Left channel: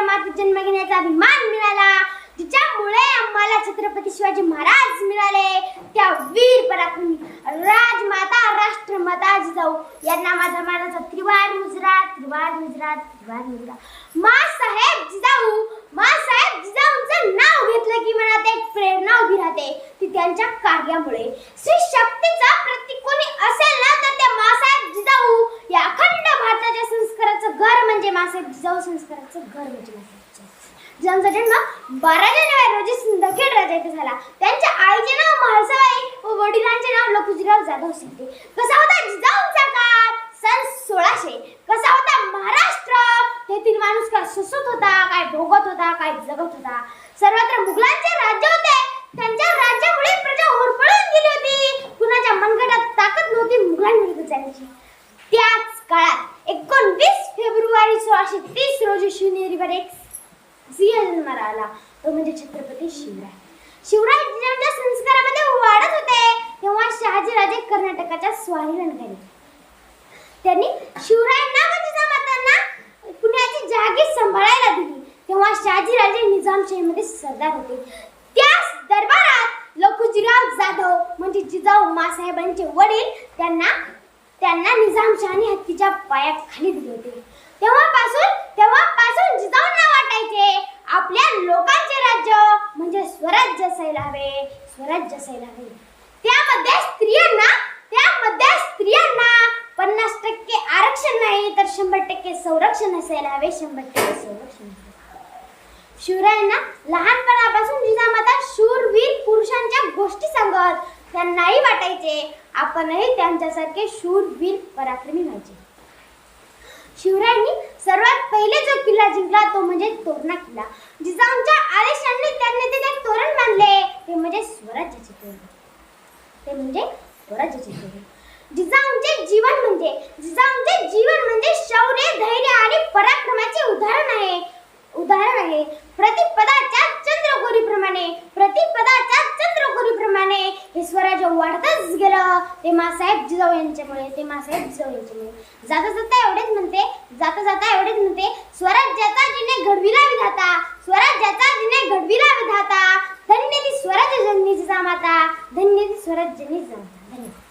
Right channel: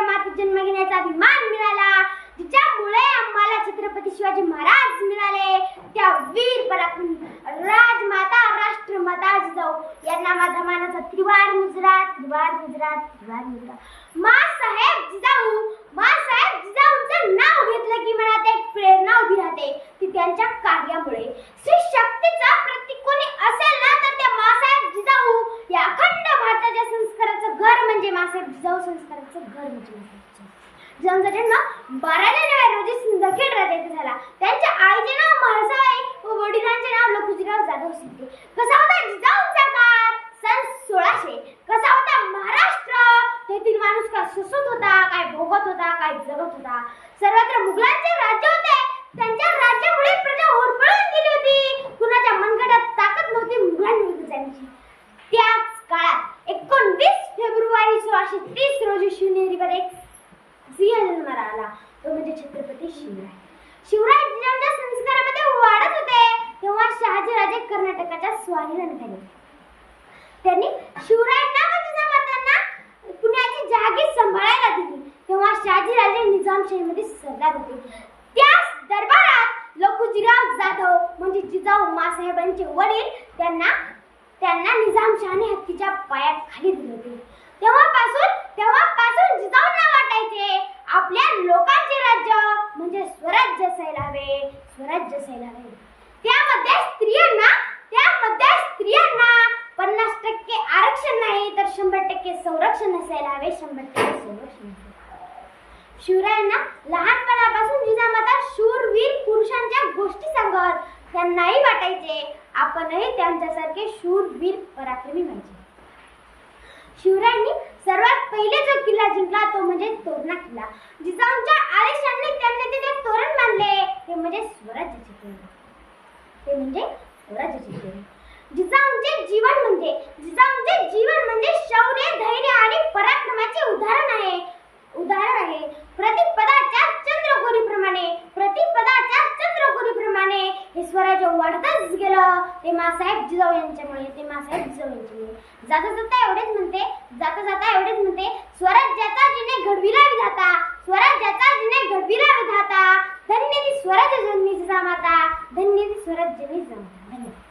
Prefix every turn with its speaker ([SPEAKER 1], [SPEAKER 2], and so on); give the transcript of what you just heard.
[SPEAKER 1] सिनेमात जन्म घेण्याचा अभिमान मिळाला. ज्यामुळे आम्हाला छत्रपती शिवाजी महाराज मिळाले. त्या वीर पराक्रमी राजमाता राष्ट्रमाता जिजाऊ. यांना माझा मानाचा त्रिवार मुजरा त्रिवार मुजरा त्रिवार मुजरा. मा साहेब जिजाऊ मा साहेब जिजाऊ. घर म्हणजे मासाहेब संस्काराचं घर म्हणजे मासाहेब ज्यांचा जन्म बारा जानेवारी रोजी सिंदखेड राजा येथे झाला. त्यांच्या आईचे नाव म्हाळसाबाई व वडिलांचे नाव लखुजीराव जाधव सिद्धे कसा होता जिजाऊंचा काळ? सन सोळाशे. कसा होता महाराष्ट्र? तेथील माणूस काय सुसत होता काय भोगत होता काय जगत होता? सर्वत्र मुघलांचे राज्य होते. त्यांच्या राज्यामुळे प्रजा होरपळून गेली होती. कुणाच्या मनगटात ताकद नव्हती मुघलांविरुद्ध जाण्याची. फेब्रुवारी तीस रोजी शिवनेरीवर एक सिंह जन्माला आला. तो म्हणजे छत्रपती शिवराय. शिवराय जिजाऊंच्या संस्कारामध्ये वाढत होते तेव्हा शहाजी कर्नाटकाच्या स्वाहीला निघाले त्यांनी शिवरायांना व जिजामातांना पुण्याची जागीर सांभाळायला दिली. तेव्हा शहाजीराजे निजामशाहीमध्ये सरदार होते. त्या दरबारात लखुजीराव जाधव म्हणजे जिजाऊ मासाहेबांचे वडील त्यांना त्यांना निजामशहाने हत्तीच्या पायाखाली दिले होते. तेव्हापासून तेव्हापासून जिजाऊंना वाटायचे आपल्या लोकांचे राज्य म्हणजे स्वराज्य असायला हवे स्वराज्य असायला हवे त्यामध्ये स्त्रियांना त्यामध्ये स्त्रियांना पन्नास टक्के आरक्षण नाही तर शंभर टक्के संरक्षण असायला हवे शंभर टक्के संरक्षण शिवरायांना लहानपणापासून जिजामाता शूरवीर पुरुषांच्या गोष्टी सांगत त्यांनाही वाटायचे आपणही त्यांच्यासारखे शूरवीर पराक्रमी व्हायचे. शिवरायांनी सर्वात पहिले जो किल्ला जिंकला तो म्हणजे तोरणा किल्ला जिजाऊंच्या आदेशाने त्यांनी तिथे तोरण बांधले ते म्हणजे स्वराज्याचे तोरण. ते म्हणजे स्वराज्याचे तोरण. जिजाऊंचे जीवन म्हणजे जिजाऊंचे तर ते मासाहेब जिजाऊ यांच्यामुळे ते मासाहेब जिजाऊ यांच्यामुळे. जाता जाता एवढेच म्हणते जाता जाता एवढेच म्हणते स्वराज्याचा जिने घडविला विधाता स्वराज्याचा जिने घडविला विधाता. धन्य ती स्वराज्य जननी जिजामाता धन्य ती स्वराज्य जननी जिजामाता धन्यवाद.